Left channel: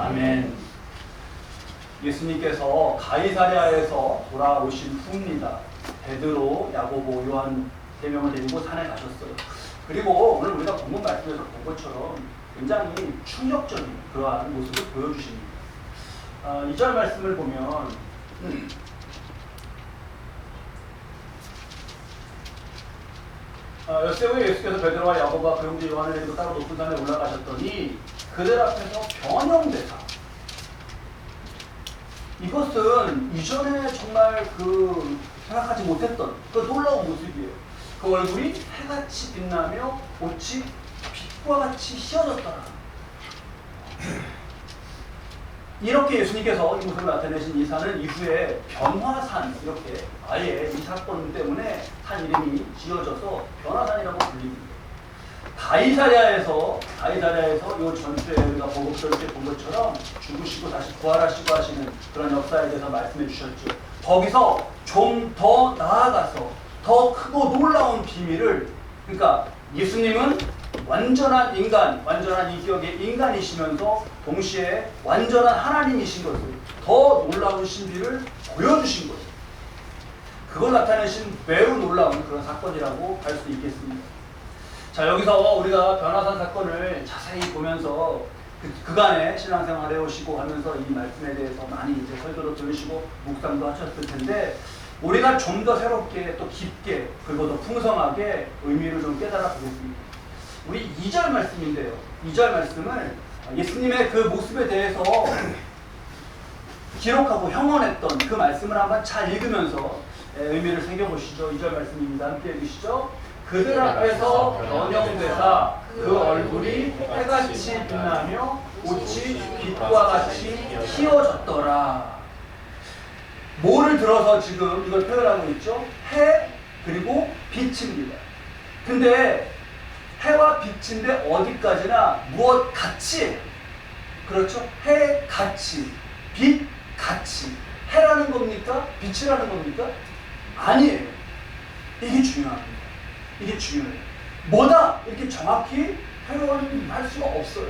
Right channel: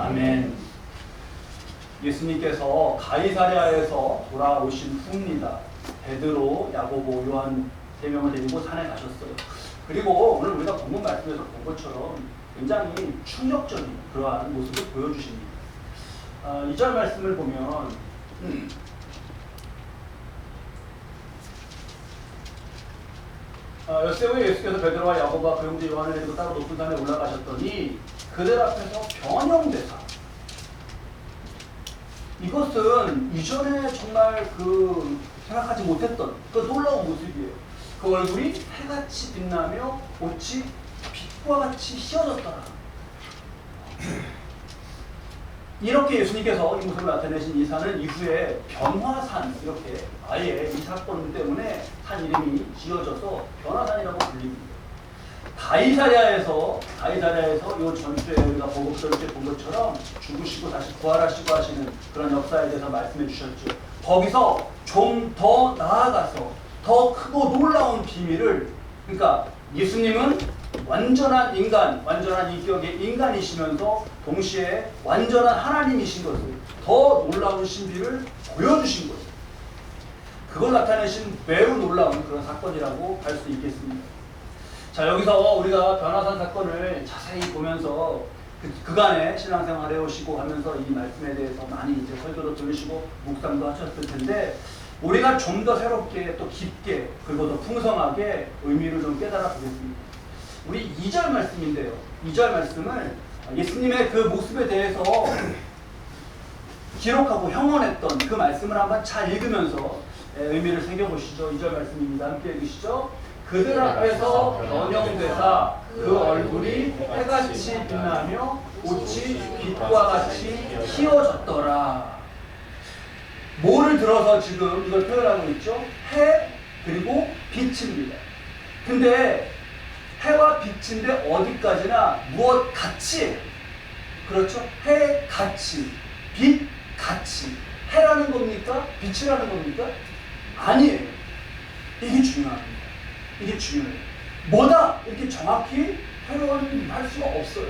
아멘. 예수님께서 가이사랴에서 돌아오신 후입니다. 베드로, 야고보, 요한 3명을 데리고 산에 가셨어요. 그리고 오늘 우리가 본문 말씀에서 본 것처럼 굉장히 충격적인 그러한 모습을 보여주십니다. 2절 말씀을 보면 엿새 후에 예수께서 베드로와 야고보와 그 형제 요한을 데리고 따로 높은 산에 올라가셨더니 그들 앞에서 변형되사, 이것은 이전에 정말 생각하지 못했던 그 놀라운 모습이에요. 그 얼굴이 해같이 빛나며 옷이 빛과 같이 휘어졌더라. 이렇게 예수님께서 이 모습을 나타내신 이 산은 이후에 변화산, 이렇게 아예 이 사건 때문에 산 이름이 지어져서 변화산이라고 불립니다. 가이사랴에서 이 전주에 우리가 보복절때 본 것처럼 죽으시고 다시 부활하시고 하시는 그런 역사에 대해서 말씀해 주셨죠. 거기서 좀 더 나아가서 더 크고 놀라운 비밀을, 그러니까 예수님은 완전한 인간, 완전한 인격의 인간이시면서 동시에 완전한 하나님이신 것을, 더 놀라운 신비를 보여주신 거예요. 그걸 나타내신 매우 놀라운 그런 사건이라고 할 수 있겠습니다. 자, 여기서 우리가 변화산 사건을 자세히 보면서 그간의 신앙생활을 해오시고 하면서 이 말씀에 대해서 많이 이제 설교도 들으시고 묵상도 하셨을 텐데, 우리가 좀 더 새롭게 또 깊게 그리고 더 풍성하게 의미를 좀 깨달아 보겠습니다. 우리 2절 말씀인데요. 2절 말씀을 예수님의 그 모습에 대해서 기록하고 형언했던 그 말씀을 한번 잘 읽으면서 의미를 새겨보시죠. 2절 말씀입니다. 함께 읽으시죠. 그들 앞에서 변형되사 그 얼굴이 해같이 빛나며 옷이 빛과 같이 휘어졌더라. 뭐를 들어서 지금 이걸 표현하고 있죠? 해 그리고 빛입니다. 근데 해와 빛인데 어디까지나 무엇 같이, 그렇죠? 해 같이, 빛 같이. 해라는 겁니까? 빛이라는 겁니까? 아니에요. 이게 중요합니다. 이게 중요해요. 뭐다? 이렇게 정확히 표현할 수가 없어요.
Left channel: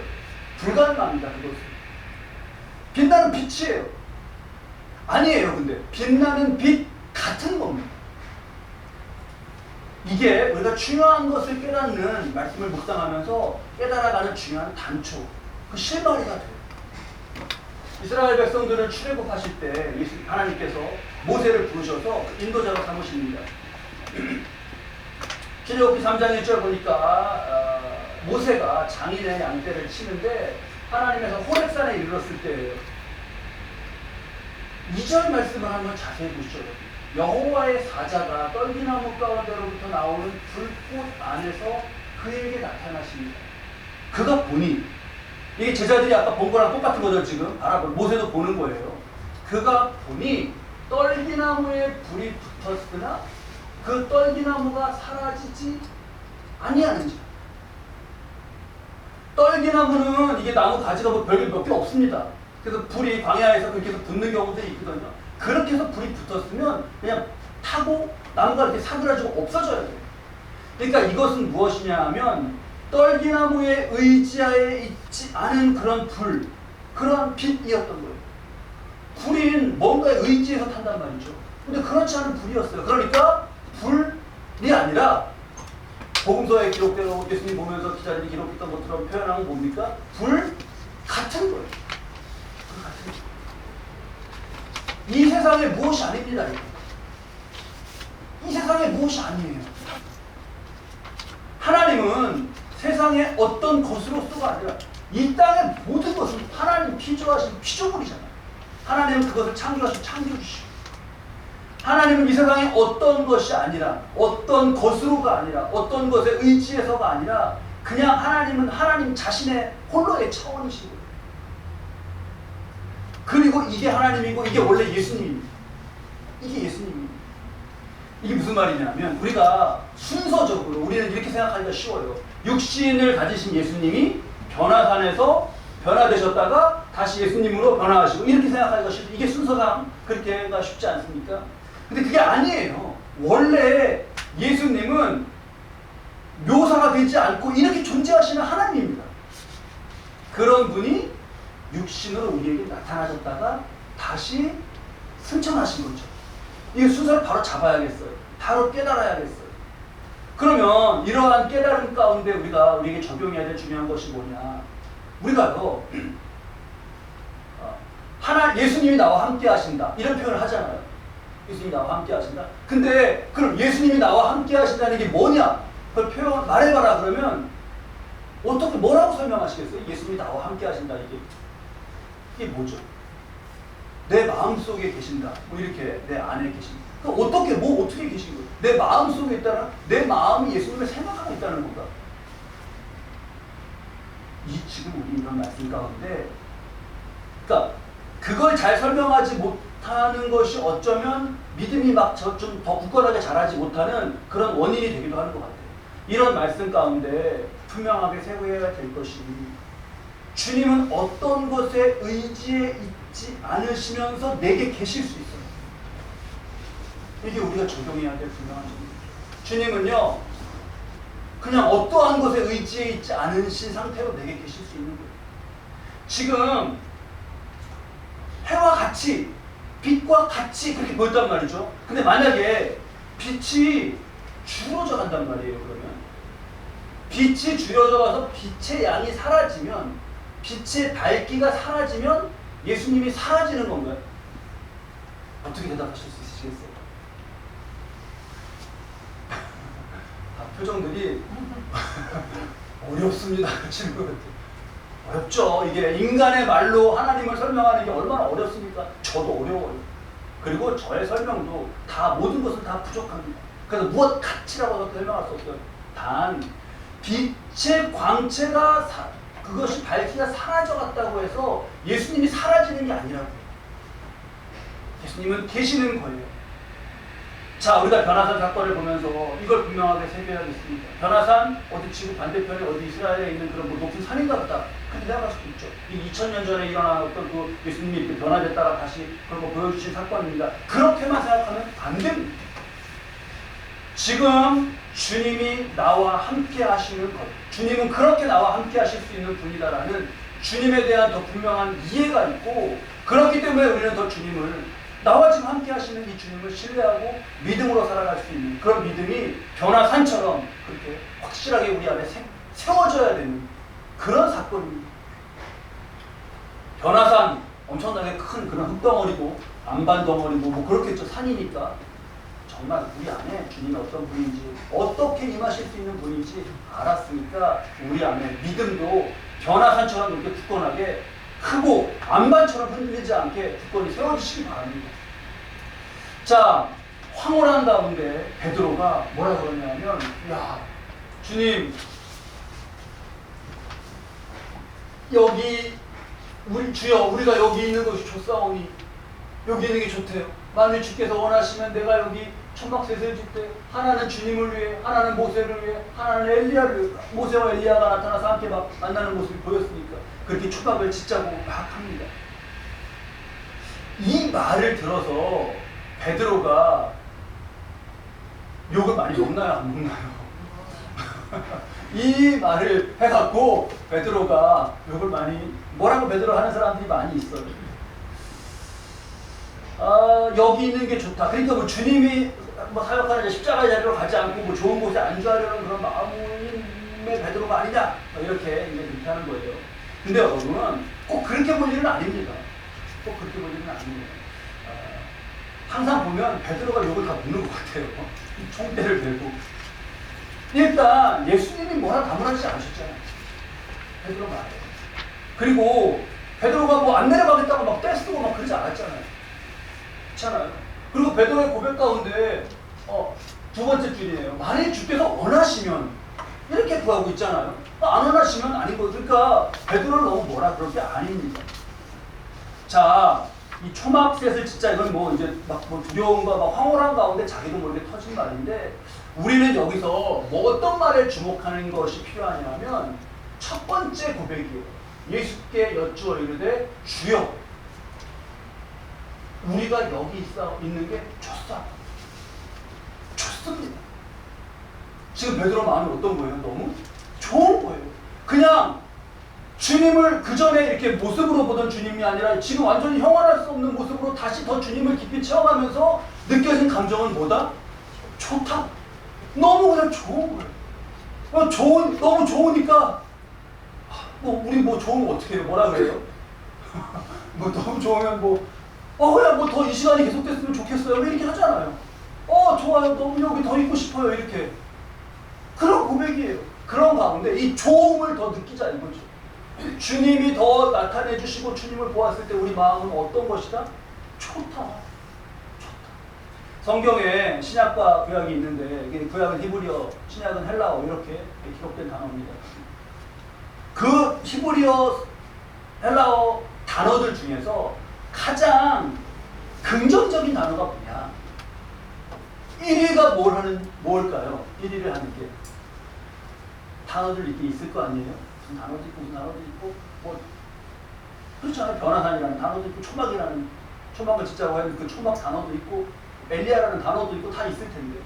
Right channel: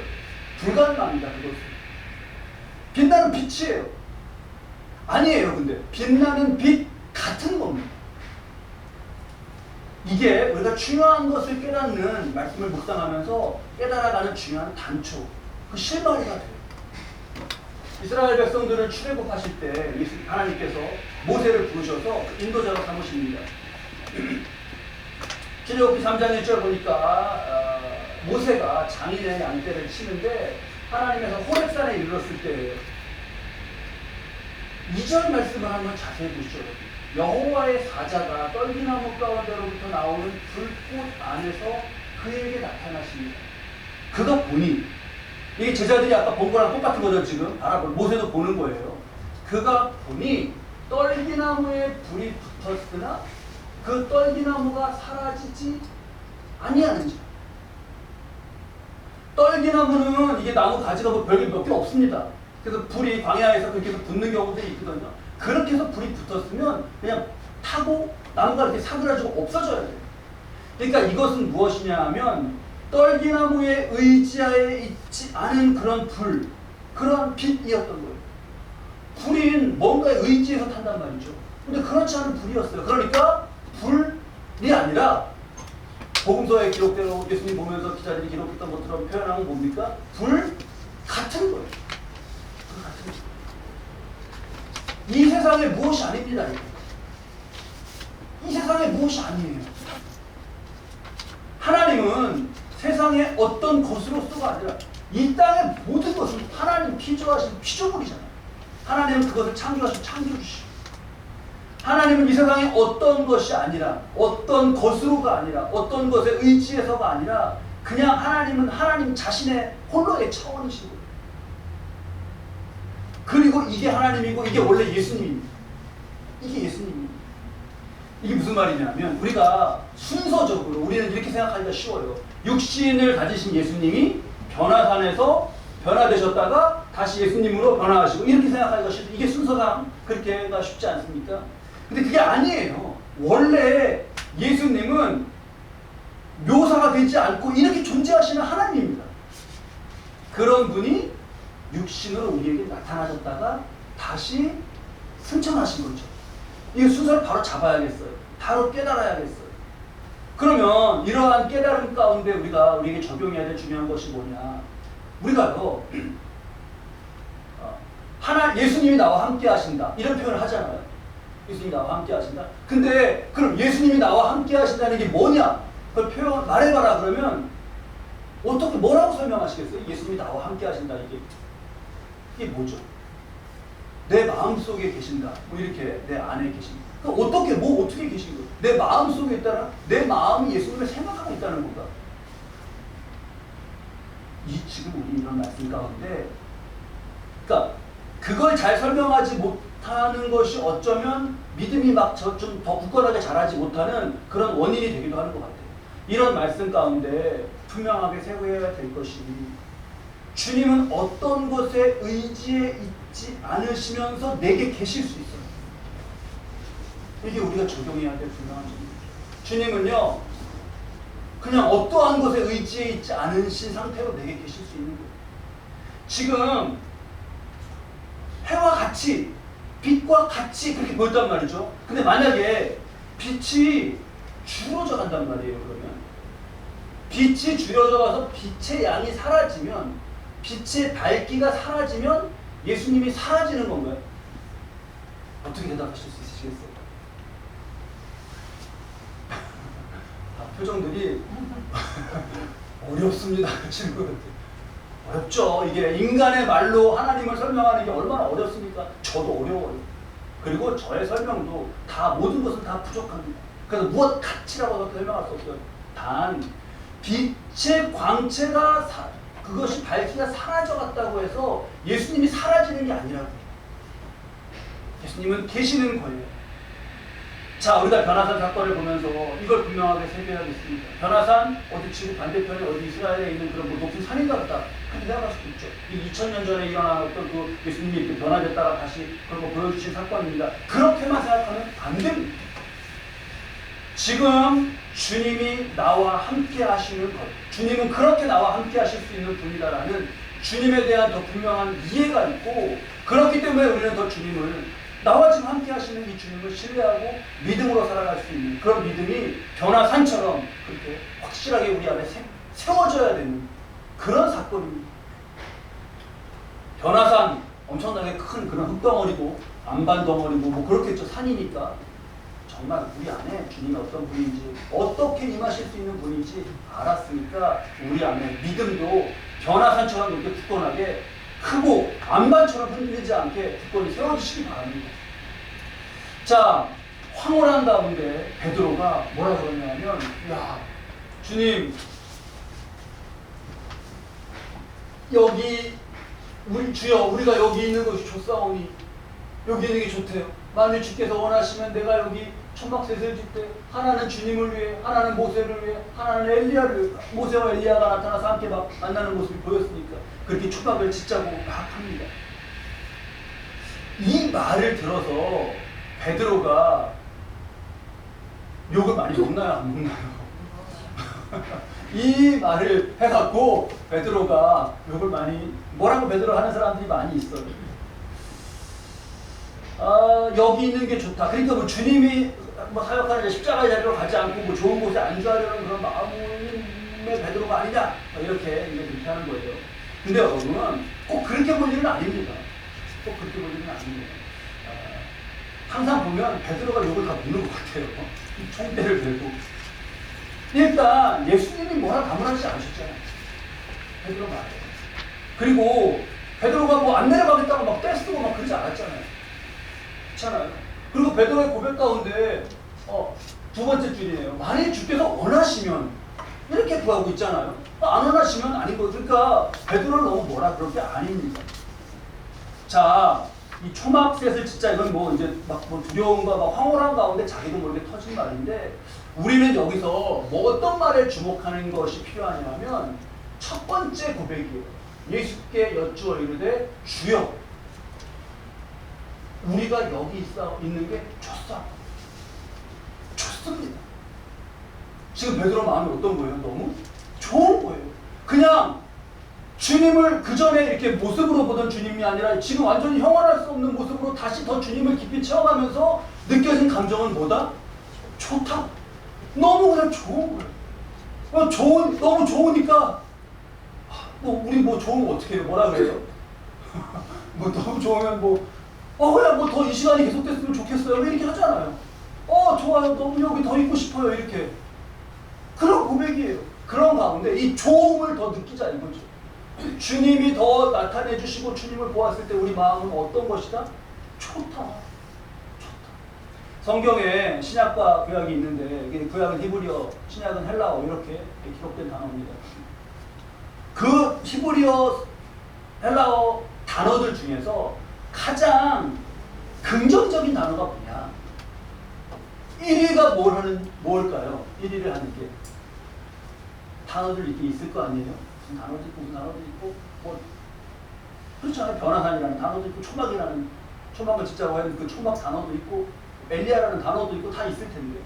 불가능합니다. 그것은. 빛나는 빛이에요. 아니에요. 근데 빛나는 빛 같은 겁니다. 이게 우리가 중요한 것을 깨닫는 말씀을 묵상하면서 깨달아가는 중요한 단초, 그 실마리가 돼요. 이스라엘 백성들을 출애굽하실 때 하나님께서 모세를 부르셔서 인도자로 삼으십니다. 출애굽기 3장 1절 보니까 모세가 장인의 양떼를 치는데 하나님께서 호렙산에 이르렀을 때예요. 2절 말씀을 한번 자세히 보시죠. 여호와의 사자가 떨기나무 가운데로부터 나오는 불꽃 안에서 그에게 나타나십니다. 그가 보니, 이게 제자들이 아까 본 거랑 똑같은 거죠. 지금 모세도 보는 거예요. 그가 보니 떨기나무에 불이 붙었으나 그 떨기나무가 사라지지 아니하는지. 떨기나무는 이게 나무 가지가 별게 몇 개 없습니다. 그래서 불이 광야에서 그렇게 해서 붙는 경우도 있거든요. 그렇게 해서 불이 붙었으면 그냥 타고 나무가 이렇게 사그라지고 없어져야 돼요. 그러니까 이것은 무엇이냐 하면 떨기나무의 의지하에 있지 않은 그런 불, 그러한 빛이었던 거예요. 불인 뭔가에 의지해서 탄단 말이죠. 근데 그렇지 않은 불이었어요. 그러니까 불이 아니라 복음서에 기록대로 예수님 보면서 기자들이 기록했던 것처럼 표현하면 뭡니까? 불 같은 거예요. 불 같은 거예요. 이 세상에 무엇이 아닙니다. 이 세상에 무엇이 아니에요. 하나님은 세상의 어떤 것으로서가 아니라 이 땅의 모든 것은 하나님 피조하신 피조물이잖아요. 하나님은 그것을 창조하신 창조주시고, 하나님은 이 세상의 어떤 것이 아니라, 어떤 것으로가 아니라, 어떤 것에 의지해서가 아니라 그냥 하나님은 하나님 자신의 홀로의 차원이신 거예요. 그리고 이게 하나님이고 이게 원래 예수님입니다. 이게 예수님입니다. 이게 무슨 말이냐면 우리가 순서적으로 우리는 이렇게 생각하기가 쉬워요. 육신을 가지신 예수님이 변화산에서 변화되셨다가 다시 예수님으로 변화하시고 이렇게 생각하기가 쉽죠. 이게 순서상 그렇게가 쉽지 않습니까? 근데 그게 아니에요. 원래 예수님은 묘사가 되지 않고 이렇게 존재하시는 하나님입니다. 그런 분이 육신으로 우리에게 나타나셨다가 다시 승천하신 거죠. 이 순서를 바로 잡아야겠어요. 바로 깨달아야겠어요. 그러면 이러한 깨달음 가운데 우리에게 적용해야 될 중요한 것이 뭐냐? 우리가요, 예수님이 나와 함께 하신다. 이런 표현을 하잖아요. 예수님이 나와 함께 하신다. 근데 그럼 예수님이 나와 함께 하신다는 게 뭐냐? 그걸 말해봐라 그러면 어떻게 뭐라고 설명하시겠어요? 예수님이 나와 함께 하신다. 이게 뭐죠? 내 마음속에 계신다. 뭐 이렇게 내 안에 계신다. 어떻게 계신 거예요? 내 마음속에 있다는, 내 마음이 예수님을 생각하고 있다는 건가? 지금 우리 이런 말씀 가운데, 그러니까 그걸 잘 설명하지 못하는 것이 어쩌면 믿음이 막 좀 더 굳건하게 자라지 못하는 그런 원인이 되기도 하는 것 같아요. 이런 말씀 가운데 분명하게 세워야 될 것이, 주님은 어떤 것에 의지해 있지 않으시면서 내게 계실 수 있어요. 이게 우리가 적용해야 될 분명한 점이죠. 주님은요, 그냥 어떠한 것에 의지해 있지 않으신 상태로 내게 계실 수 있는 거예요. 지금 해와 같이, 빛과 같이 그렇게 보였단 말이죠. 근데 만약에 빛이 줄어져 간단 말이에요. 그러면 빛이 줄어져 가서 빛의 양이 사라지면, 빛의 밝기가 사라지면 예수님이 사라지는 건가요? 어떻게 대답하실 수 있으시겠어요? 표정들이 어렵습니다. 질문. 어렵죠. 이게 인간의 말로 하나님을 설명하는 게 얼마나 어렵습니까? 저도 어려워요. 그리고 저의 설명도 모든 것은 다 부족합니다. 그래서 무엇 가치라고 설명할 수 없어요. 단 빛의 광채가 그것이 밝기가 사라져갔다고 해서 예수님이 사라지는 게 아니라고요. 예수님은 계시는 거예요. 자, 우리가 변화산 사건을 보면서 이걸 분명하게 새겨야겠습니다. 변화산 어디 지구 반대편에 어디 이스라엘에 있는 그런 높은 산인가 보다. 그렇게 생각할 수도 있죠. 이 2000년 전에 일어난 어떤 그 예수님이 이렇게 변화됐다가 다시 그런 거 보여주신 사건입니다. 그렇게만 생각하면 안 됩니다. 지금 주님이 나와 함께 하시는 것, 주님은 그렇게 나와 함께 하실 수 있는 분이다라는 주님에 대한 더 분명한 이해가 있고, 그렇기 때문에 우리는 더 주님을, 나와 지금 함께 하시는 이 주님을 신뢰하고 믿음으로 살아갈 수 있는 그런 믿음이 변화산처럼 그렇게 확실하게 우리 안에 세워져야 되는 그런 사건입니다. 변화산 엄청나게 큰 그런 흙덩어리고 안반덩어리고 뭐 그렇겠죠. 산이니까. 정말 우리 안에 주님이 어떤 분인지, 어떻게 임하실 수 있는 분인지 알았으니까 우리 안에 믿음도 변화산처럼 이렇게 굳건하게, 크고 안반처럼 흔들리지 않게 굳건히 세워주시기 바랍니다. 자, 황홀한 가운데 베드로가 뭐라 그러냐면, 야, 주님, 여기 우리 주여, 우리가 여기 있는 것이 좋사오니, 여기 있는 게 좋대요. 만일 주께서 원하시면 내가 여기 천막셋을 짓되, 하나는 주님을 위해, 하나는 모세를 위해, 하나는 엘리야를 위해, 모세와 엘리야가 나타나서 함께 만나는 모습이 보였으니까 그렇게 초막을 짓자고 막 합니다. 이 말을 들어서 베드로가 욕을 많이 먹나요? 안 먹나요? 이 말을 해갖고 베드로가 욕을 많이, 뭐라고 베드로 하는 사람들이 많이 있어요. 여기 있는 게 좋다. 그러니까 뭐 주님이 뭐 사역하는 십자가의 자리로 가지 않고 뭐 좋은 곳에 안주하려는 그런 마음의 베드로가 아니냐, 이렇게 그렇게 하는 거예요. 근데 여러분은 꼭 그렇게 볼 일은 아닙니다. 꼭 그렇게 볼 일은 아닙니다. 항상 보면 베드로가 욕을 다 먹는 것 같아요. 총대를 들고. 일단 예수님이 뭐라 다문하지 않으셨잖아요. 베드로 말이에요. 그리고 베드로가 뭐 안 내려가겠다고 막 떼쓰고 막 그러지 않았잖아요. 그렇잖아요. 그리고 베드로의 고백 가운데 두 번째 줄이에요. 만일 주께서 원하시면, 이렇게 구하고 있잖아요. 안 원하시면 아닌 거예요. 그러니까 베드로를 너무 뭐라 그럴 게 아닙니다. 자, 이 초막셋을 진짜 이건 뭐 이제 막 뭐 두려움과 막 황홀한 가운데 자기도 모르게 터진 말인데, 우리는 여기서 뭐 어떤 말에 주목하는 것이 필요하냐면, 첫 번째 고백이에요. 예수께 여쭈어 이르되 주여, 우리가 여기 있는 게 좋습니다. 지금 베드로 마음이 어떤 거예요? 너무 좋은 거예요. 그냥 주님을 그 전에 이렇게 모습으로 보던 주님이 아니라 지금 완전히 형언할 수 없는 모습으로 다시 더 주님을 깊이 체험하면서 느껴진 감정은 뭐다? 좋다. 너무 그냥 좋은 거예요. 너무 좋으니까 우리 뭐 좋으면 어떻게 해요? 뭐라 그래요? 뭐 너무 좋으면 그냥 더 이 시간이 계속됐으면 좋겠어요. 왜 이렇게 하잖아요. 좋아요. 너무 여기 더 있고 싶어요. 이렇게. 그런 고백이에요. 그런 가운데 이 좋음을 더 느끼자 이거죠. 주님이 더 나타내 주시고 주님을 보았을 때 우리 마음은 어떤 것이다? 좋다. 성경에 신약과 구약이 있는데 이게 구약은 히브리어, 신약은 헬라어 이렇게 기록된 단어입니다. 그 히브리어, 헬라어 단어들 중에서 가장 긍정적인 단어가 뭐냐? 1위가 뭘까요? 1위를 하는 게 단어들 이렇게 있을 거 아니에요? 무슨 단어도 있고 무슨 단어도 있고 그렇잖아요. 변화산이라는 단어도 있고 초막을 짓자고 하는 그 초막 단어도 있고 엘리야라는 단어도 있고 다 있을 텐데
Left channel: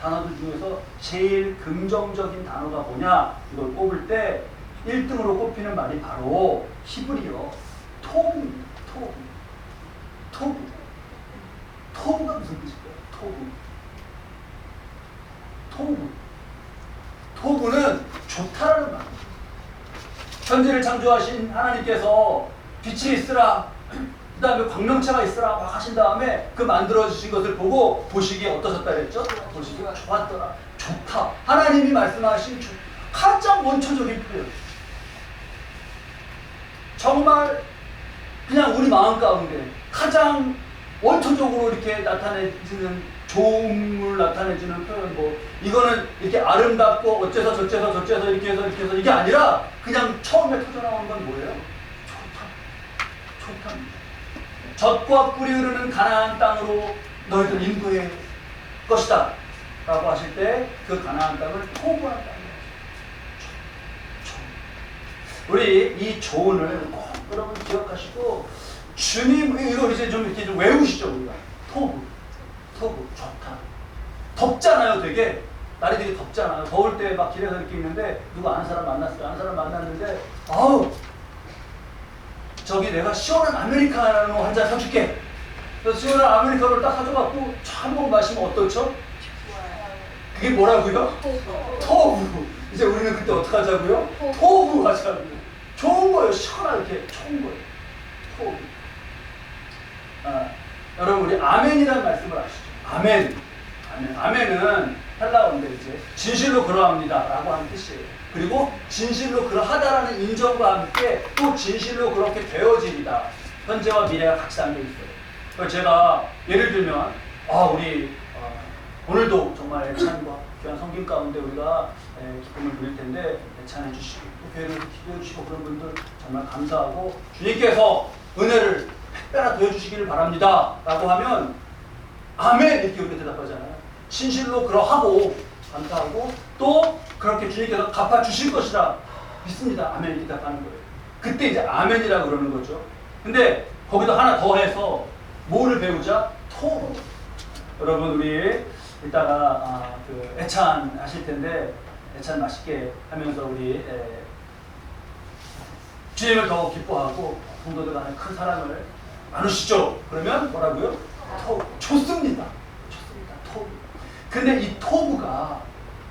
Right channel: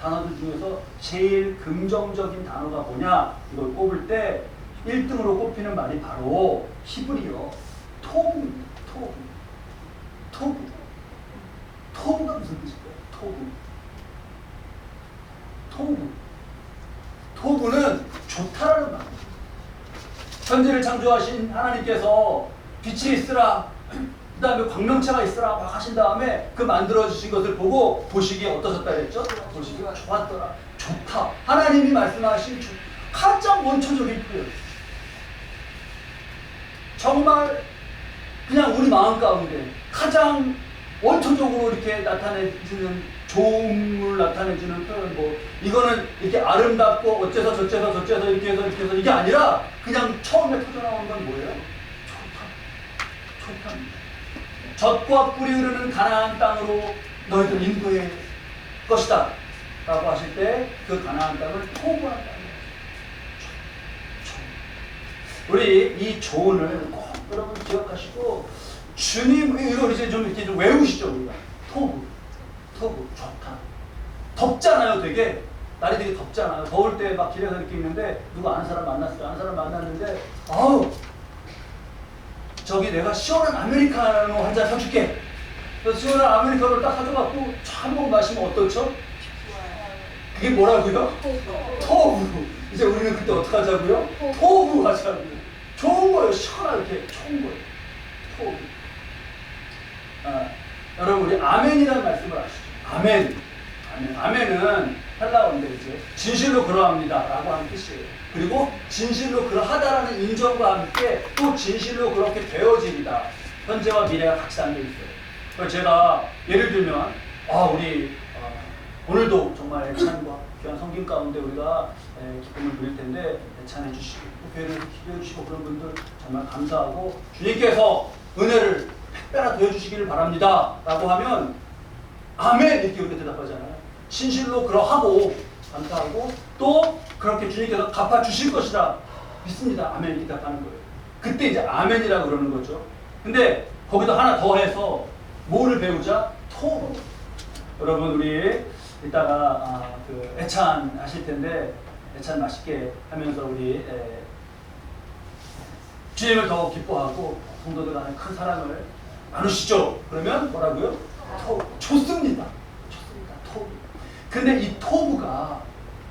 단어들 중에서 제일 긍정적인 단어가 뭐냐? 이걸 꼽을 때 1등으로 꼽히는 말이 바로 히브리어 토브입니다. 토브가 무슨 뜻일까요? 토브는 좋다라는 말입니다. 천지를 창조하신 하나님께서 빛이 있으라, 그 다음에 광명체가 있으라 막 하신 다음에 그 만들어주신 것을 보고 보시기에 어떠셨다 그랬죠? 보시기가 좋았더라. 좋다. 하나님이 말씀하신 가장 원초적인 표현. 정말 그냥 우리 마음 가운데 가장 원초적으로 이렇게 나타내지는 좋음을 나타내주는 표현 이거는 이렇게 아름답고 어째서 저째서 이렇게 해서 이게 아니라 그냥 처음에 터져나오는 건 뭐예요? 좋답니다. 젖과 꿀이 흐르는 가나안 땅으로 너희들 인도할 것이다 라고 하실 때 그 가나안 땅을 토부한 땅이에요. 우리 이 조언을 꼭 여러분 기억하시고 주님 이거 이제 좀 이렇게 좀 외우시죠. 우리가 토부 좋다. 덥잖아요. 되게 날이 되게 덥잖아요. 더울 때 막 길에서 이렇게 있는데 누구 아는 사람 만났어요. 아는 사람 만났는데 저기 내가 시원한 아메리카노 한 잔 사줄게. 그래서 시원한 아메리카노를 딱 사줘갖고 한 번 마시면 어떻죠? 그게 뭐라고요? 토부. 이제 우리는 그때 어떻게 하자고요? 토부 하자고요. 좋은 거예요. 시원하게 좋은 거예요. 토부. 여러분 우리 아멘이라는 말씀을 아시죠? 아멘은 헬라어인데 이제 진실로 그러합니다 라고 하는 뜻이에요. 그리고 진실로 그러하다라는 인정과 함께 또 진실로 그렇게 되어지리다. 현재와 미래가 같이 담겨 있어요. 그래서 제가 예를 들면 우리 오늘도 정말 애찬과 귀한 성김 가운데 우리가 기쁨을 누릴 텐데 애찬해 주시고 또 교회를 기도해 주시고 그런 분들 정말 감사하고 주님께서 은혜를 택배나 더해주시기를 바랍니다 라고 하면 아멘 이렇게 우리가 대답하잖아요. 진실로 그러하고 감사하고 또 그렇게 주님께서 갚아주실 것이라 믿습니다. 아멘 이렇게 대답하는 거예요. 그때 이제 아멘이라고 그러는 거죠. 근데 거기다 하나 더 해서 뭐를 배우자? 토. 여러분 우리 이따가 그 애찬 하실 텐데 애찬 맛있게 하면서 우리 주님을 더 기뻐하고 성도들 간에 큰 사랑을 나누시죠. 그러면 뭐라고요? 좋습니다. 토부. 근데 이 토부가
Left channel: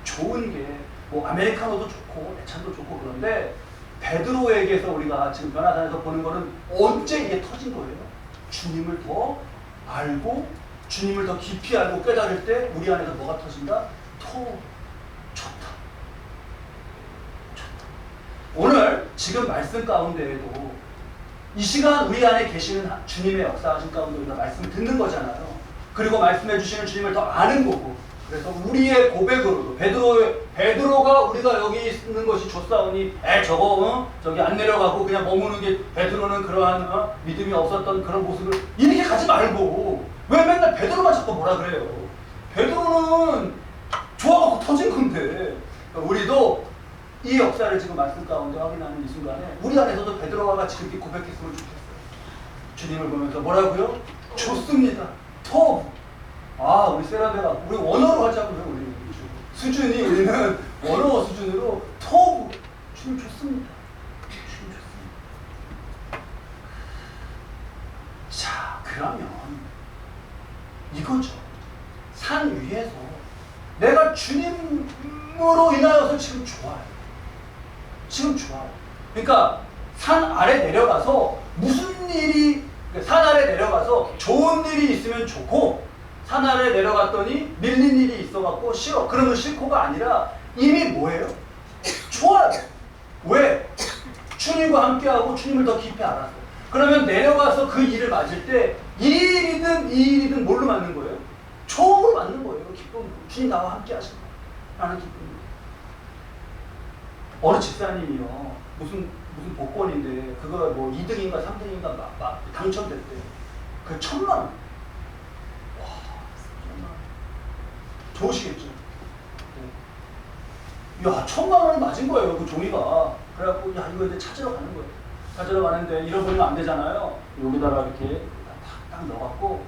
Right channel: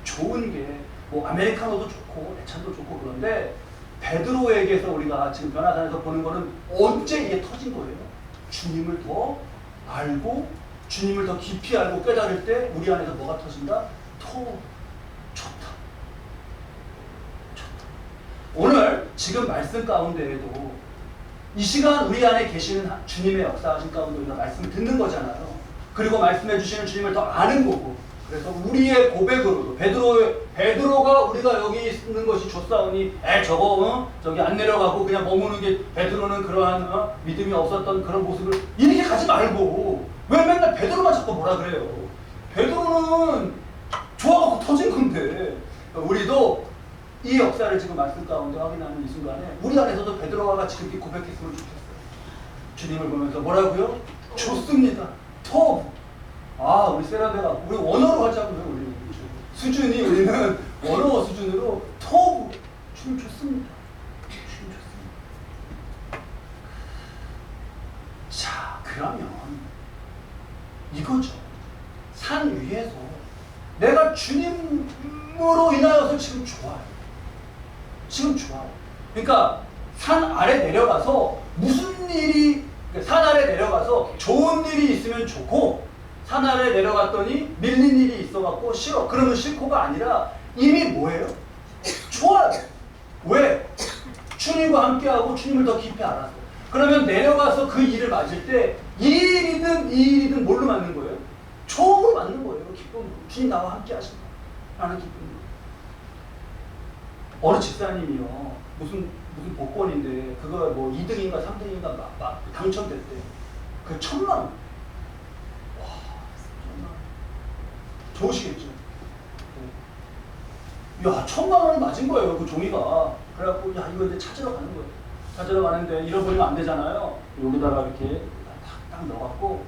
좋은 게 아메리카노도 좋고 애찬도 좋고 그런데 베드로에게서 우리가 지금 변화산에서 보는 거는 언제 이게 터진 거예요? 주님을 더 알고 주님을 더 깊이 알고 깨달을 때 우리 안에서 뭐가 터진다? 좋다. 오늘 지금 말씀 가운데에도 이 시간 우리 안에 계시는 주님의 역사하신 가운데 우리가 말씀을 듣는 거잖아요. 그리고 말씀해 주시는 주님을 더 아는 거고 그래서 우리의 고백으로도 베드로가 우리가 여기 있는 것이 좋사오니 저기 안 내려가고 그냥 머무는 게 베드로는 그러한 믿음이 없었던 그런 모습을 이렇게 가지 말고 왜 맨날 베드로만 자꾸 뭐라 그래요. 베드로는 좋아갖고 터진 건데 우리도 이 역사를 지금 말씀 가운데 확인하는 이 순간에 우리 안에서도 베드로가 같이 그렇게 고백했으면 좋겠어요. 주님을 보면서 뭐라고요? 좋습니다. 토브. 우리 세라데가 우리 원어로 하자고요. 우리 수준이 우리는 원어 수준으로 토브. 주님 좋습니다. 주님 좋습니다. 자, 그러면 이거죠. 산 위에서 내가 주님으로 인하여서 지금 좋아요. 지금 좋아요. 그러니까 산 아래 내려가서 무슨 일이, 산 아래 내려가서 좋은 일이 있으면 좋고, 산 아래 내려갔더니 밀린 일이 있어갖고 싫어. 그러면 싫고가 아니라 이미 뭐예요? 좋아요. 왜? 주님과 함께하고 주님을 더 깊이 알아서. 그러면 내려가서 그 일을 맞을 때 이 일이든 뭘로 맞는 거예요? 좋음으로 맞는 거예요. 기쁨으로. 주님 나와 함께 하신다. 라는 기쁨으로. 어느 집사님이요. 무슨 복권인데 그거 뭐 2등인가 3등인가 막 당첨됐대. 그 1,000만 원. 와, 1,000만 원. 좋으시겠죠? 네. 야, 1,000만 원 맞은 거예요. 그 종이가. 그래갖고 야, 이거 이제 찾으러 가는 거예요. 찾으러 가는데 잃어버리면 안 되잖아요. 여기다가 이렇게 딱 넣어갖고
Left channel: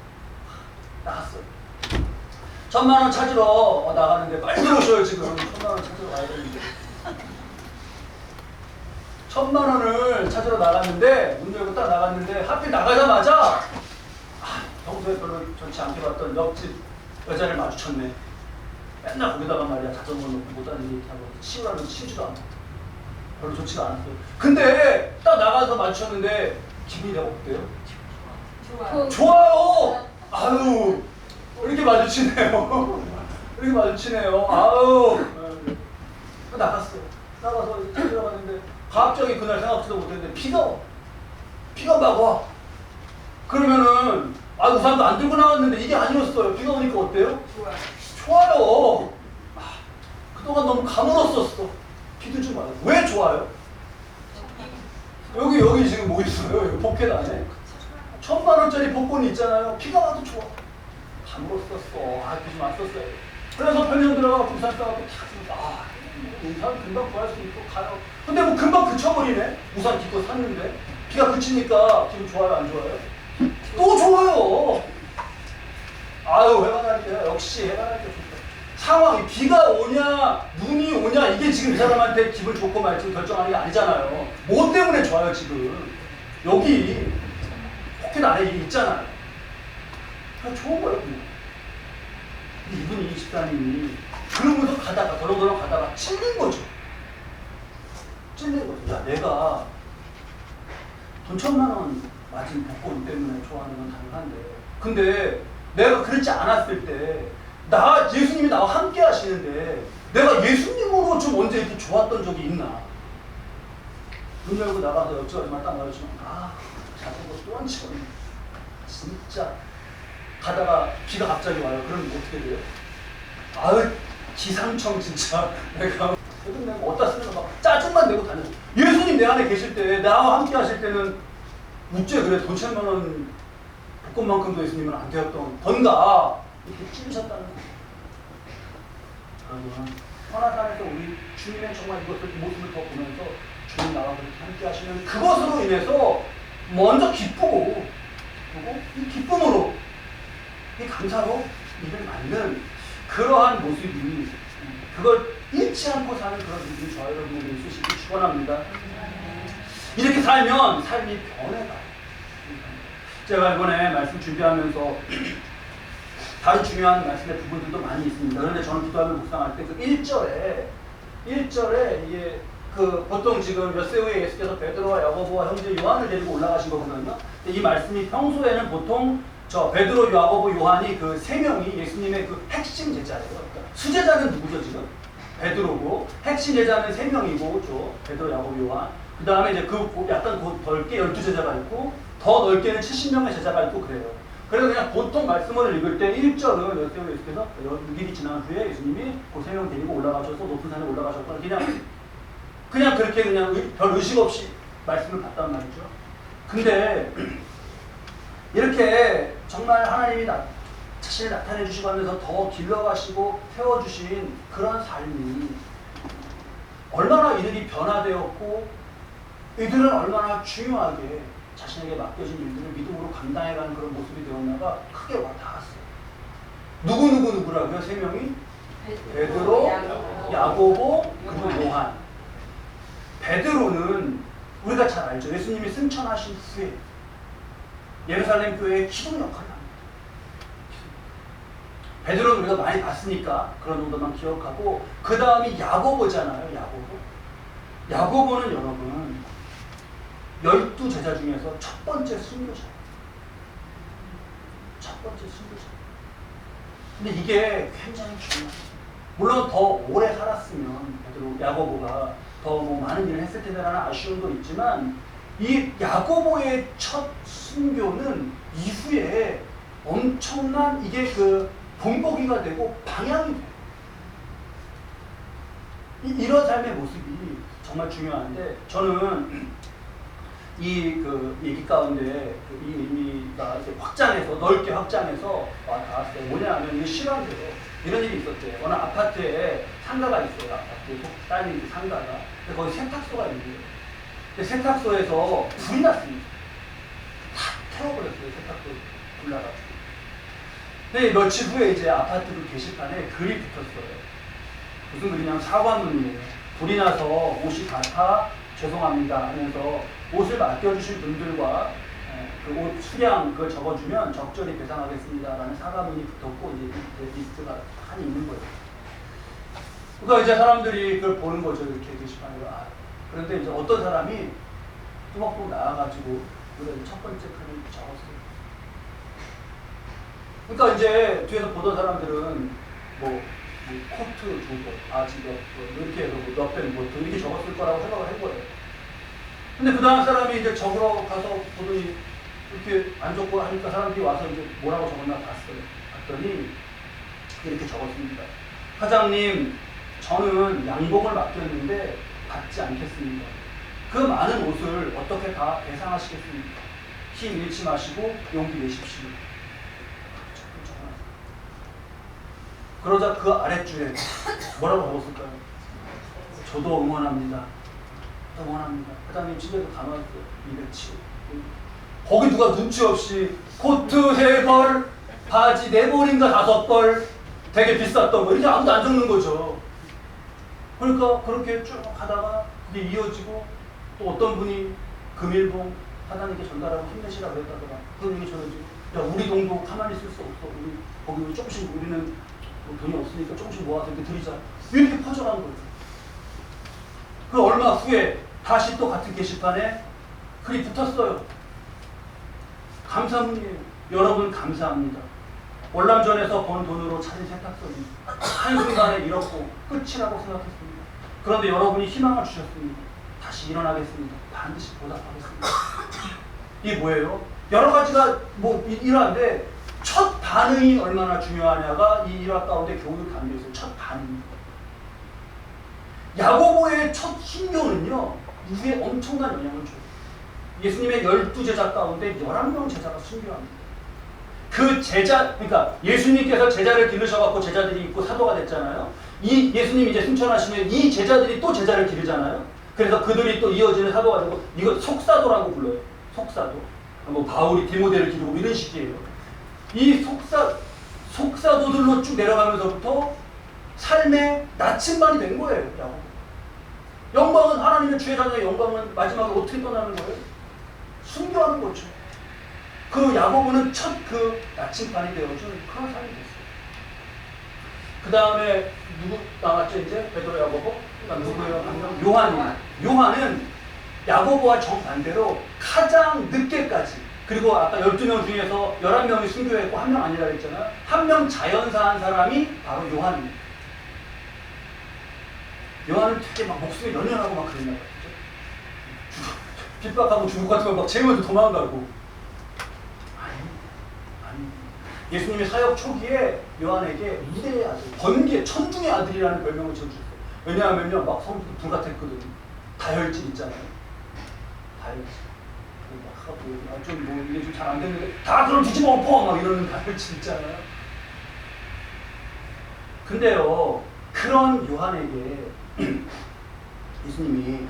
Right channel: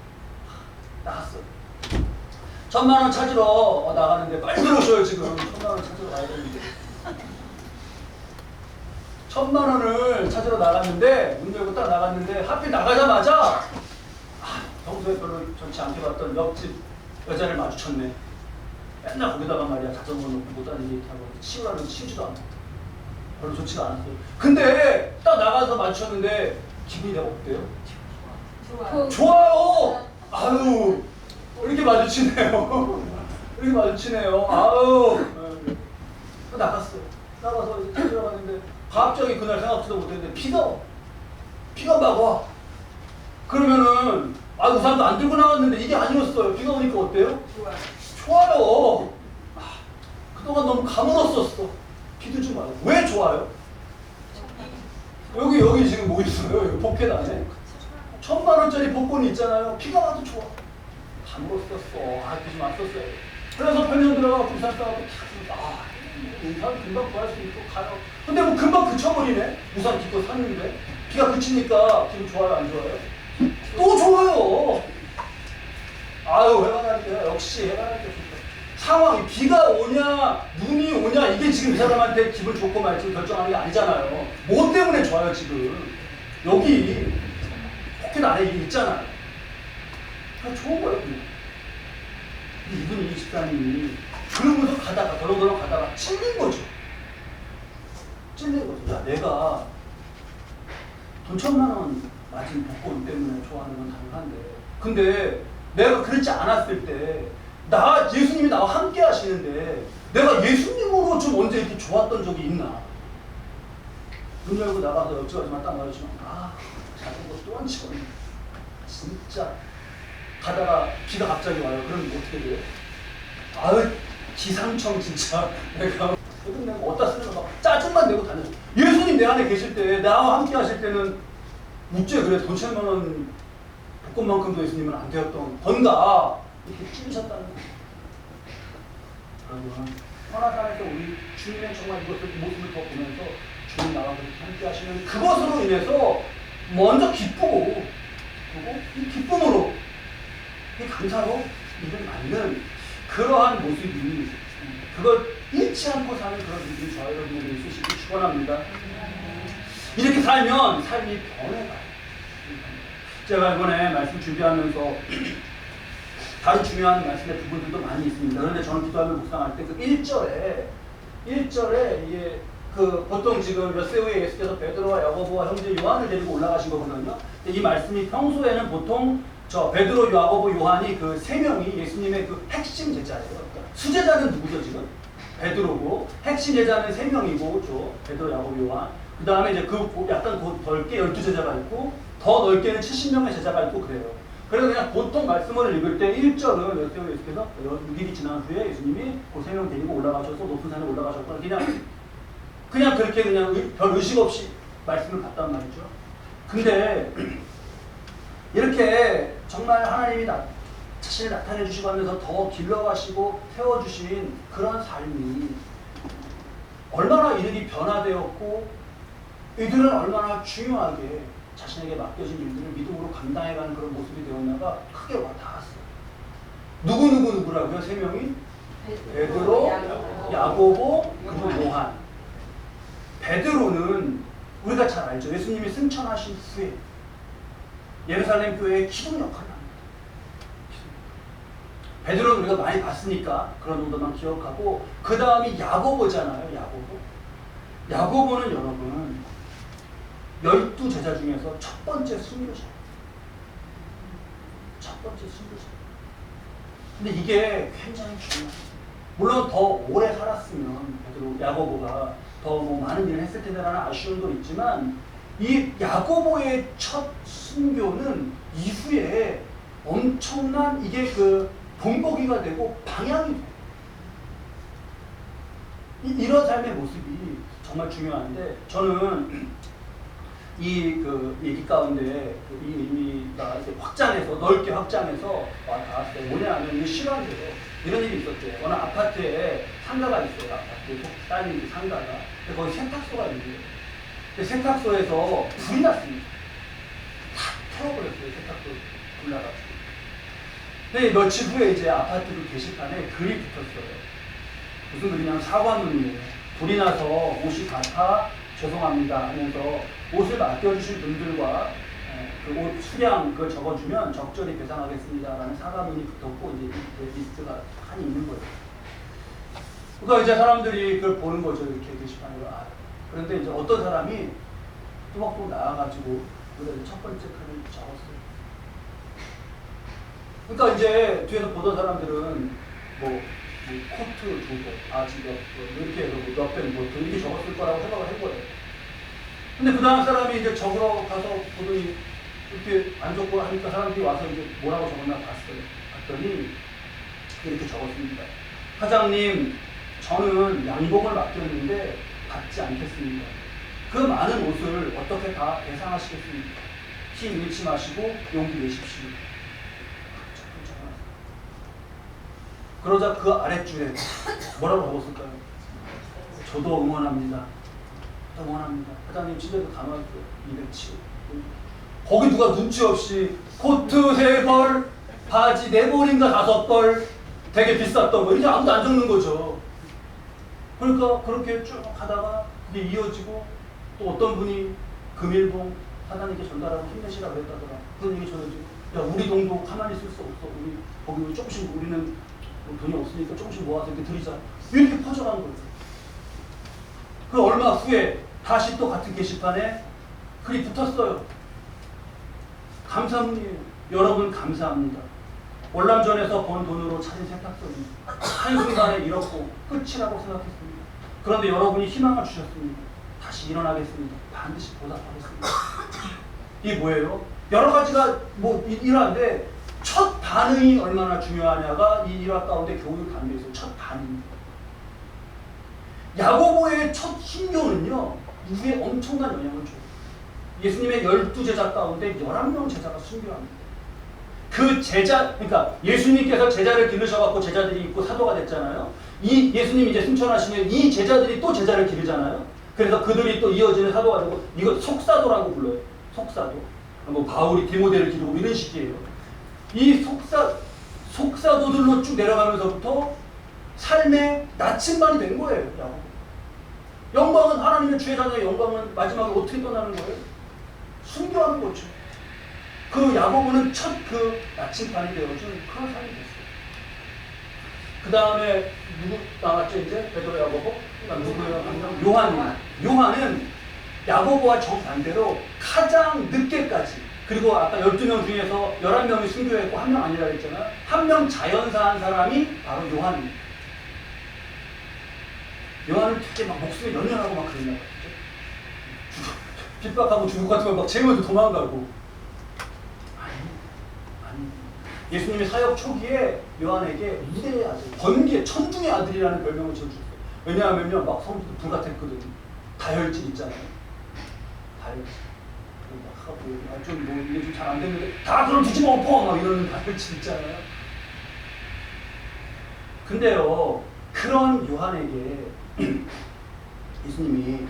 나갔어요. 1,000만 원 찾으러 나가는데 빨리 들어오셔요. 지금 1,000만 원 찾으러 가야 되는데. 1,000만 원을 찾으러 나갔는데 문 열고 딱 나갔는데 하필 나가자마자 평소에 별로 좋지 않게 봤던 옆집 여자를 마주쳤네. 맨날 거기다가 말이야 자전거 놓고 못 다니게 이렇게 하고 치우라면 치우지도 않고 별로 좋지가 않았어요. 근데 딱 나가서 마주쳤는데 기분이 내가 어때요? 좋아요. 아유 이렇게 마주치네요. 이렇게 마주치네요. 아유 나갔어요. 나가서 이제 찾으러 갔는데 갑자기 그날 생각지도 못했는데 비가 막 와. 그러면은 우산도 안 들고 나왔는데 이게 아니었어요. 비가 오니까 어때요? 좋아요. 그동안 너무 가물었었어. 비도 좀 와요. 왜 좋아요? 여기 지금 뭐 있어요? 여기 포켓 안에 1,000만 원짜리 복권이 있잖아요. 비가 와도 좋아. 가물었었어. 비 좀 왔었어요. 그래서 편의점 들어가고 우산 싸갖고 우산 금방 구할 수 있고 가요. 근데 뭐 금방 그쳐버리네. 우산 기껏 샀는데 비가 그치니까 기분 좋아요, 안 좋아요? 또 좋아요. 아유 해가 나니까 역시 해가 나니까 좋다. 상황이 비가 오냐 눈이 오냐 이게 지금 이 사람한테 기분 좋고 말지 결정하는 게 아니잖아요. 뭐 때문에 좋아요 지금? 여기 포켓 안에 이게 있잖아요. 그냥 좋은 거예요 그냥. 이분이 24님이 그러면서 가다가 덜렁덜렁 가다가 찔린 거죠. 야 내가 돈 1,000만 원 맞은 복권 때문에 좋아하는 건 당연한데 근데 내가 그렇지 않았을 때 예수님이 나와 함께 하시는데 내가 예수님으로 좀 언제 이렇게 좋았던 적이 있나? 문 열고 나가서 옆집 아줌마 딱 말해주면 자전거 또 안 치웠네. 진짜 가다가 비가 갑자기 와요. 그럼 어떻게 돼요? 기상청 진짜 내가 어디다 쓰는 거 막 짜증만 내고 다녔어. 예수님 내 안에 계실 때 나와 함께 하실 때는 어째 그래 돈 1,000만 원 복권만큼도 예수님은 안 되었던 건가 이렇게 찌르셨다는 거예요. 여러분 선악산에서 우리 주님의 정말 이 모습을 더 보면서 주님 나와 함께 하시는 그것으로 인해서 먼저 기쁘고 그리고 이 기쁨으로 이 감사로 일을 맞는 그러한 모습이 그걸 잃지 않고 사는 그런 모습이 저와 여러분에게 있으시길 축원합니다. 이렇게 살면 삶이 변해가요. 제가 이번에 말씀 준비하면서 다른 중요한 말씀의 부분들도 많이 있습니다. 그런데 저는 기도하며 묵상할 때 그 1절에 이게 보통 지금 몇 세 후에 예수께서 베드로와 야고보와 형제 요한을 데리고 올라가신 거거든요. 이 말씀이 평소에는 보통 베드로, 야고보, 요한이 그 세 명이 예수님의 그 핵심 제자예요. 그러니까 수제자는 누구죠 지금? 베드로고 핵심 제자는 세 명이고 베드로, 야고보, 요한. 그 다음에 이제 약간 넓게 12제자가 있고 더 넓게는 70명의 제자가 있고 그래요. 그래서 그냥 보통 말씀을 읽을 때 1절은 예수께서 6일이 지난 후에 예수님이 그 세 명 데리고 올라가셔서 높은 산에 올라가셨거나 그냥 그렇게 그냥 별 의식 없이 말씀을 봤단 말이죠. 근데 이렇게 정말 하나님이 자신을 나타내 주시고 하면서 더 길러가시고 세워주신 그런 삶이 얼마나 이들이 변화되었고 이들은 얼마나 중요하게 자신에게 맡겨진 일들을 믿음으로 감당해가는 그런 모습이 되었나가 크게 와닿았어요. 누구라고요? 세 명이? 베드로, 야고보, 그리고 요한. 베드로는 우리가 잘 알죠. 예수님이 승천하신 후에 예루살렘 교회의 기둥 역할을 합니다. 베드로는 우리가 많이 봤으니까 그런 정도만 기억하고, 그 다음이 야고보잖아요. 야고보는 여러분 12제자 중에서 첫 번째 순교자예요. 첫 번째 순교자. 근데 이게 굉장히 중요해요. 물론 더 오래 살았으면 베드로, 야고보가 더 뭐 많은 일을 했을 텐데라는 아쉬움도 있지만, 이 야고보의 첫 순교는 이후에 엄청난 이게 그 본보기가 되고 방향이 돼요. 이런 삶의 모습이 정말 중요한데, 저는 이 그 얘기 가운데 이 의미가 이제 확장해서, 넓게 확장해서 닿았어요. 뭐냐면 이 실화인데요. 이런 일이 있었대요. 어느 아파트에 상가가 있어요. 아파트에 딸린 상가가. 근데 거기 세탁소가 있는데요. 근데 세탁소에서 불이 났습니다. 다 태워버렸어요. 세탁소 불 나가지고. 근데 며칠 후에 이제 아파트 그 게시판에 글이 붙었어요. 무슨 글이냐면 사과문이에요. 불이 나서 옷이 다 타 죄송합니다 하면서 옷을 맡겨주신 분들과 그 옷 수량 그걸 적어주면 적절히 배상하겠습니다라는 사과문이 붙었고, 이제 리스트가 한이 있는 거예요. 그러니까 이제 사람들이 그걸 보는 거죠. 이렇게 게시판으로. 그런데 이제 어떤 사람이 뚜벅뚜벅 나와가지고 첫 번째 글을 적었어요. 그러니까 이제 뒤에서 보던 사람들은 뭐 코트 두 번, 바지 몇 번, 이렇게 해서 몇 번, 뭐 이렇게 적었을 거라고 생각을 한 거예요. 근데 그 다음 사람이 이제 적으러 가서 보더니 이렇게 안 적고 하니까 사람들이 와서 이제 뭐라고 적었나 봤더니 이렇게 적었습니다. 사장님, 저는 양복을 맡겼는데 받지 않겠습니다. 그 많은 옷을 어떻게 다 배상하시겠습니까? 힘 잃지 마시고 용기 내십시오. 그러자 그 아랫줄에 뭐라고 적었을까요? 저도 응원합니다. 응원합니다. 사장님 집에도 다 나왔어요. 207. 거기 누가 눈치 없이 코트 3벌, 바지 4벌인가 5벌, 되게 비쌌던 거, 이제 아무도 안 적는 거죠. 그러니까 그렇게 쭉 하다가 이게 이어지고, 또 어떤 분이 금일봉 사장님께 전달하고 힘내시라고 했다더라. 그런 얘기 전해지고, 야, 우리 동도 가만히 있을 수 없어. 우리 거기 조금씩, 우리는 돈이 없으니까 조금씩 모아서 이렇게 드리자. 이렇게 퍼져가는 거예요. 그 얼마 후에 다시 또 같은 게시판에 글이 붙었어요. 감사문이에요. 여러분 감사합니다. 월남전에서 번 돈으로 차린 세탁소는 한순간에 잃었고 끝이라고 생각했습니다. 그런데 여러분이 희망을 주셨습니다. 다시 일어나겠습니다. 반드시 보답하겠습니다. 이게 뭐예요? 여러 가지가 뭐 일화인데, 첫 반응이 얼마나 중요하냐가 이 일화 가운데 교훈을 담겨 있어요. 첫 반응. 야고보의 첫 순교는요, 이후에 엄청난 영향을 줘요. 예수님의 12제자 가운데 11명 제자가 순교합니다. 그 제자, 그러니까 예수님께서 제자를 기르셔갖고 제자들이 있고 사도가 됐잖아요. 이 예수님이 이제 승천하시면 이 제자들이 또 제자를 기르잖아요. 그래서 그들이 또 이어지는 사도가 되고, 이거 속사도라고 불러요. 속사도. 뭐 바울이 디모데를 기르고 이런 식이에요. 이 속사도들로 쭉 내려가면서부터 삶의 나침반이 된 거예요. 야고보. 영광은, 하나님의 주의 자녀의 영광은 마지막에 어떻게 떠나는 거예요? 순교하는 거죠. 그 야고보는 첫 그 나침반이 되어준 그런 삶이 됐어요. 그 다음에 누구 나왔죠? 이제 베드로, 야고보. 누구예요? 요한은 야고보와 정반대로 가장 늦게까지, 그리고 아까 12명 중에서 11명이 순교했고 1명 아니라고 했잖아요. 1명 자연사한 사람이 바로 요한입니다. 요한은 되게 막 목숨이 연연하고 막 그랬나 봐요. 핍박하고 중국 같은 거 막 재우면서 도망가고. 아니. 예수님의 사역 초기에 요한에게 미래의 아들, 번개, 천중의 아들이라는 별명을 지어주셨어요. 왜냐하면요, 막 성도 불같았거든요. 다혈질 있잖아요. 다혈질. 좀 뭐 이게 좀 잘 안 되는데 다 그럼 뒤집어 엎어! 막 이러는 다혈질 있잖아요. 근데요, 그런 요한에게 예수님이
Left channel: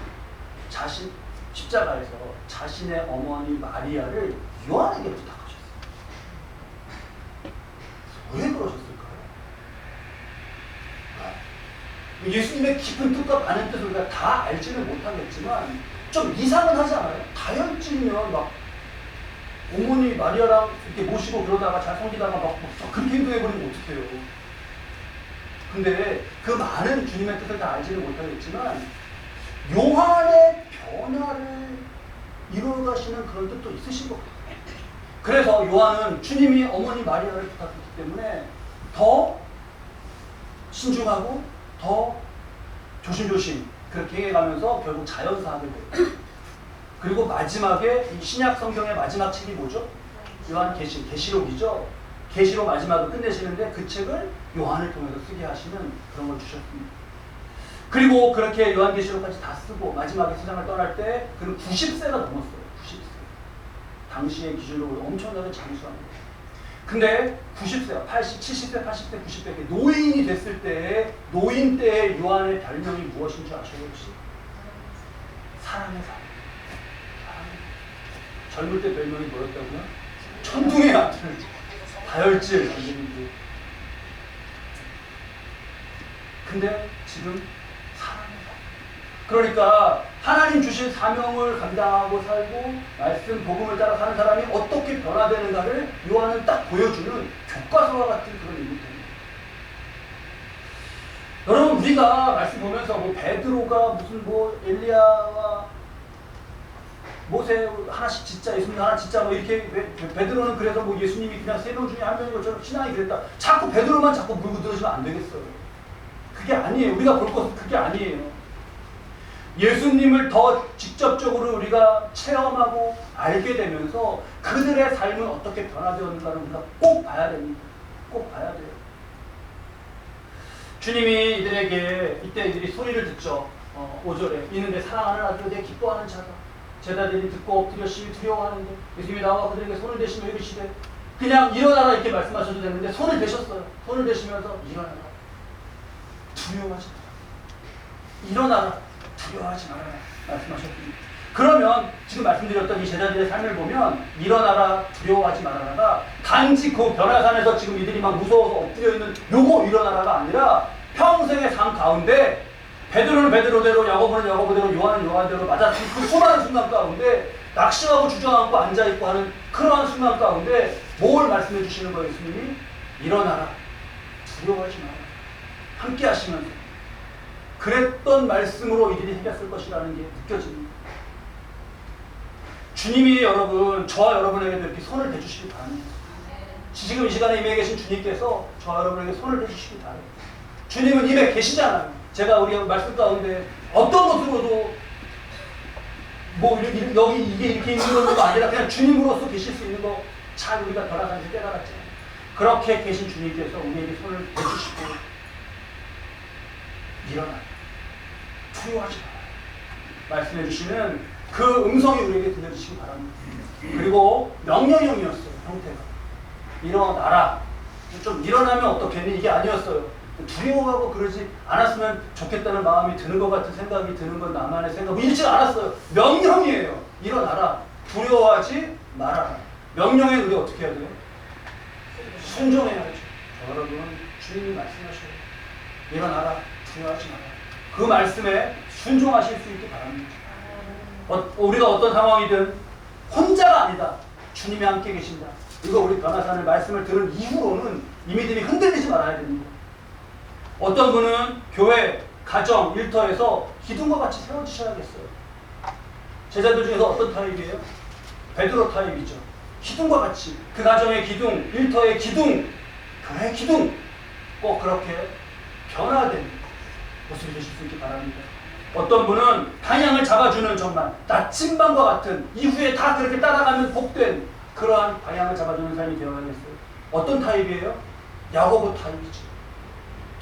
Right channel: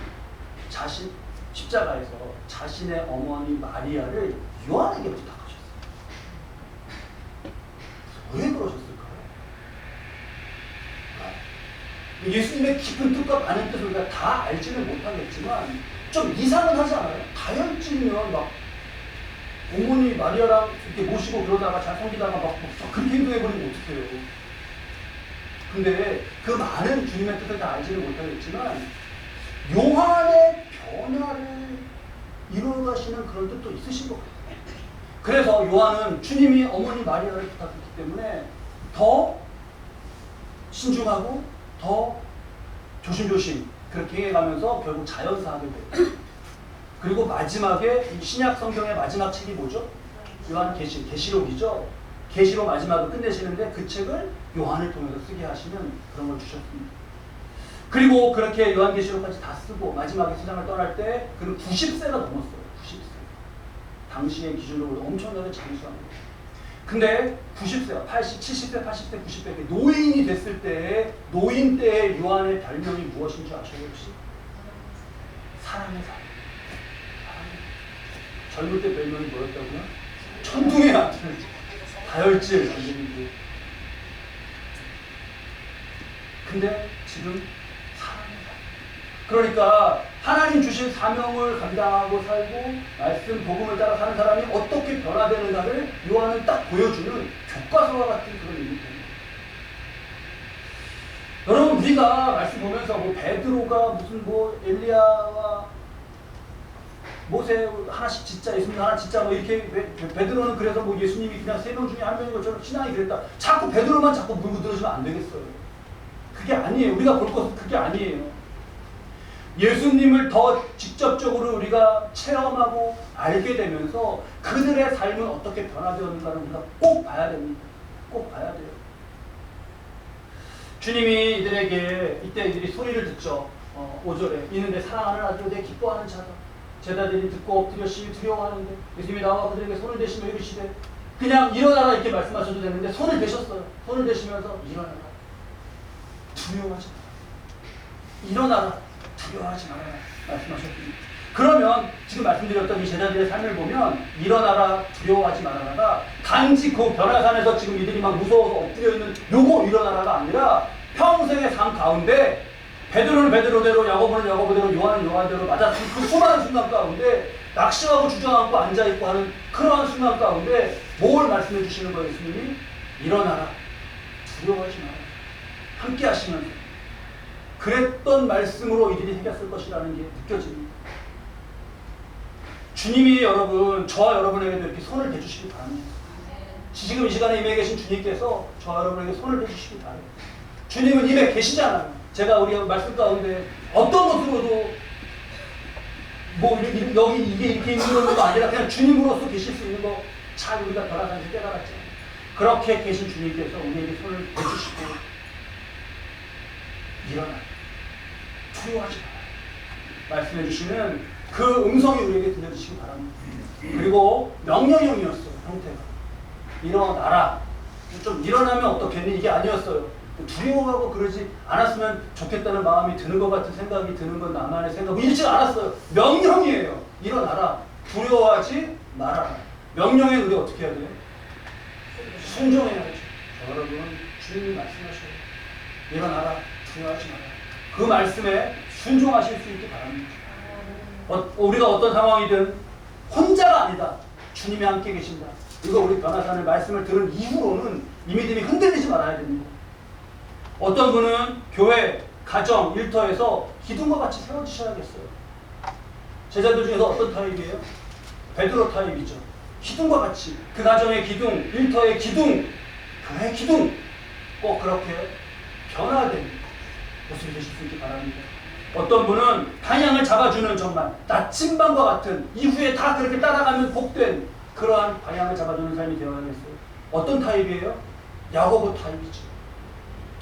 십자가에서 자신의 어머니 마리아를 요한에게 부탁하셨어요. 왜 그러셨을까요? 예수님의 깊은 뜻과 많은 뜻을 우리가 다 알지는 못하겠지만 좀 이상은 하지 않아요? 다혈질이면 막 어머니 마리아랑 이렇게 모시고 그러다가 잘 섬기다가 막 그렇게 행동해버리면 어떡해요. 근데 그 많은 주님의 뜻을 다 알지는 못하겠지만 요한의 변화를 이루어가시는 그런 뜻도 있으신 것 같아요. 그래서 요한은 주님이 어머니 마리아를 부탁했기 때문에 더 신중하고 더 조심조심 그렇게 해가면서 결국 자연사하게 돼요. 그리고 마지막에 이 신약 성경의 마지막 책이 뭐죠? 계시록이죠. 계시록 마지막을 끝내시는데 그 책을 요한을 통해서 쓰게 하시는 그런 걸 주셨습니다. 그리고 그렇게 요한계시록까지 다 쓰고 마지막에 세상을 떠날 때 그는 90세가 넘었어요. 90세. 당시의 기준으로 엄청나게 장수한 거예요. 근데 90세, 80, 70세, 80세, 90세 노인이 됐을 때 노인 때의 요한의 별명이 무엇인지 아셔요 혹시? 사람의 사. 젊을 때 별명이 뭐였다고요? 천둥의 아들, 다혈질. 근데 지금 사람의 사. 그러니까 하나님 주신 사명을 감당하고 살고 말씀 복음을 따라 사는 사람이 어떻게 변화되는가를 요한은 딱 보여주는 교과서와 같은 그런 일입니다. 여러분 우리가 말씀 보면서 뭐 베드로가 무슨 뭐 엘리야와 모세 하나씩 짓자, 예수님 하나 짓자 뭐 이렇게 베드로는 그래서 뭐 예수님이 그냥 3명 중에 1명인 것처럼 신앙이 그랬다. 자꾸 베드로만 자꾸 물고 들으시면 안 되겠어요. 그게 아니에요. 우리가 볼 것은 그게 아니에요. 예수님을 더 직접적으로 우리가 체험하고 알게 되면서 그들의 삶은 어떻게 변화되었는가를 우리가 꼭 봐야 됩니다. 꼭 봐야 돼요. 주님이 이들에게 이때 이들이 소리를 듣죠. 5절에 이는 내 사랑하는 아들로 내 기뻐하는 자다. 제자들이 듣고 엎드려 시위 두려워하는데 예수님이 나와 그들에게 손을 대시며 이르시되 그냥 일어나라 이렇게 말씀하셔도 되는데 손을 대셨어요. 손을 대시면서 일어나라. 두려워하지 마라. 일어나라. 두려워하지 말아라 말씀하셨습니다. 그러면 지금 말씀드렸던 이 제자들의 삶을 보면 일어나라 두려워하지 말아라가 단지 그 변화산에서 지금 이들이 막 무서워서 엎드려 있는 요거 일어나라가 아니라 평생의 삶 가운데 베드로는 베드로대로 야고보는 야고보대로 요한은 요한대로 맞았던 그 수많은 순간 가운데 낙심하고 주저앉고 앉아있고 하는 그러한 순간 가운데 뭘 말씀해 주시는 거예요? 예수님이 일어나라 두려워하지 마라 함께 하시면서 그랬던 말씀으로 이들이 해결했을 것이라는 게 느껴집니다. 주님이 여러분, 저와 여러분에게도 이렇게 손을 대주시기 바랍니다. 지금 이 시간에 임해 계신 주님께서 저와 여러분에게 손을 대주시기 바랍니다. 주님은 임해 계시잖아요. 제가 우리 말씀 가운데 어떤 것으로도 뭐 여기 이게 이렇게 있는 것도 아니라 그냥 주님으로서 계실 수 있는 거 잘 우리가 변화산에서 깨달았잖아요. 그렇게 계신 주님께서 우리에게 손을 대주시고 일어나 두려워하지 마라 말씀해 주시는 그 음성이 우리에게 들려주시기 바랍니다. 그리고 명령형이었어요. 형태가 일어나라 좀 일어나면 어떻겠니 이게 아니었어요. 두려워하고 그러지 않았으면 좋겠다는 마음이 드는 것 같은 생각이 드는 건 나만의 생각 잃지 않았어요. 명령이에요. 일어나라 두려워하지 말아라. 명령에 우리 어떻게 해야 돼요? 순종해야죠. 여러분 주님이 말씀하셔요. 일어나라 두려워하지 마라. 그 말씀에 순종하실 수 있기 바랍니다. 우리가 어떤 상황이든 혼자가 아니다. 주님이 함께 계신다. 이거 우리 변화산의 말씀을 들은 이후로는 이 믿음이 흔들리지 말아야 됩니다. 어떤 분은 교회, 가정, 일터에서 기둥과 같이 세워지셔야겠어요. 제자들 중에서 어떤 타입이에요? 베드로 타입이죠. 기둥과 같이 그 가정의 기둥, 일터의 기둥, 교회의 기둥 꼭 그렇게 변화된 모습이 되실 수 있기 바랍니다. 어떤 분은 방향을 잡아주는 정말 나침반과 같은 이후에 다 그렇게 따라가면 복된 그러한 방향을 잡아주는 삶이 되어야겠어요. 어떤 타입이에요? 야고보 타입이죠.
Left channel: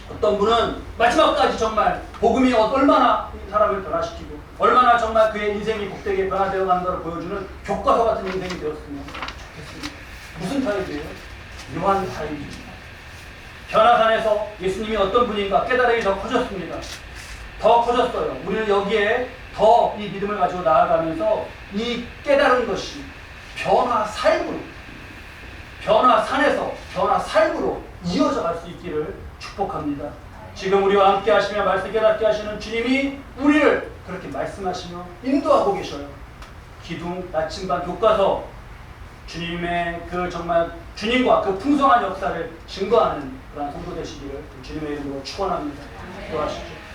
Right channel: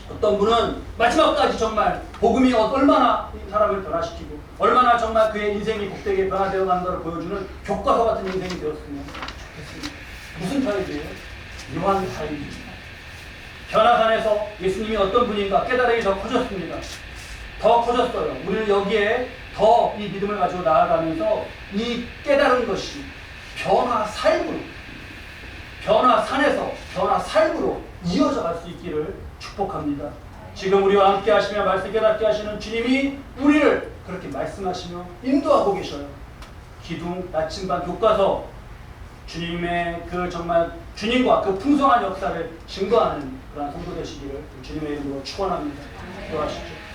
어떤 분은 마지막까지 정말 복음이 얼마나 사람을 변화시키고 얼마나 정말 그의 인생이 복되게 변화되어 가는 것을 보여주는 교과서 같은 인생이 되었으면 좋겠습니다. 무슨 타입이에요? 요한 타입이죠. 변화산에서 예수님이 어떤 분인가 깨달음이 더 커졌습니다. 더 커졌어요. 우리는 여기에 더 이 믿음을 가지고 나아가면서 이 깨달은 것이 변화 삶으로, 변화산에서 변화 삶으로 이어져 갈 수 있기를 축복합니다. 지금 우리와 함께 하시며 말씀 깨닫게 하시는 주님이 우리를 그렇게 말씀하시며 인도하고 계셔요. 기둥, 나침반, 교과서 주님의 그 정말 주님과 그 풍성한 역사를 증거하는 그런 성도 되시기를 주님의 이름으로 축원합니다. 기도하시죠.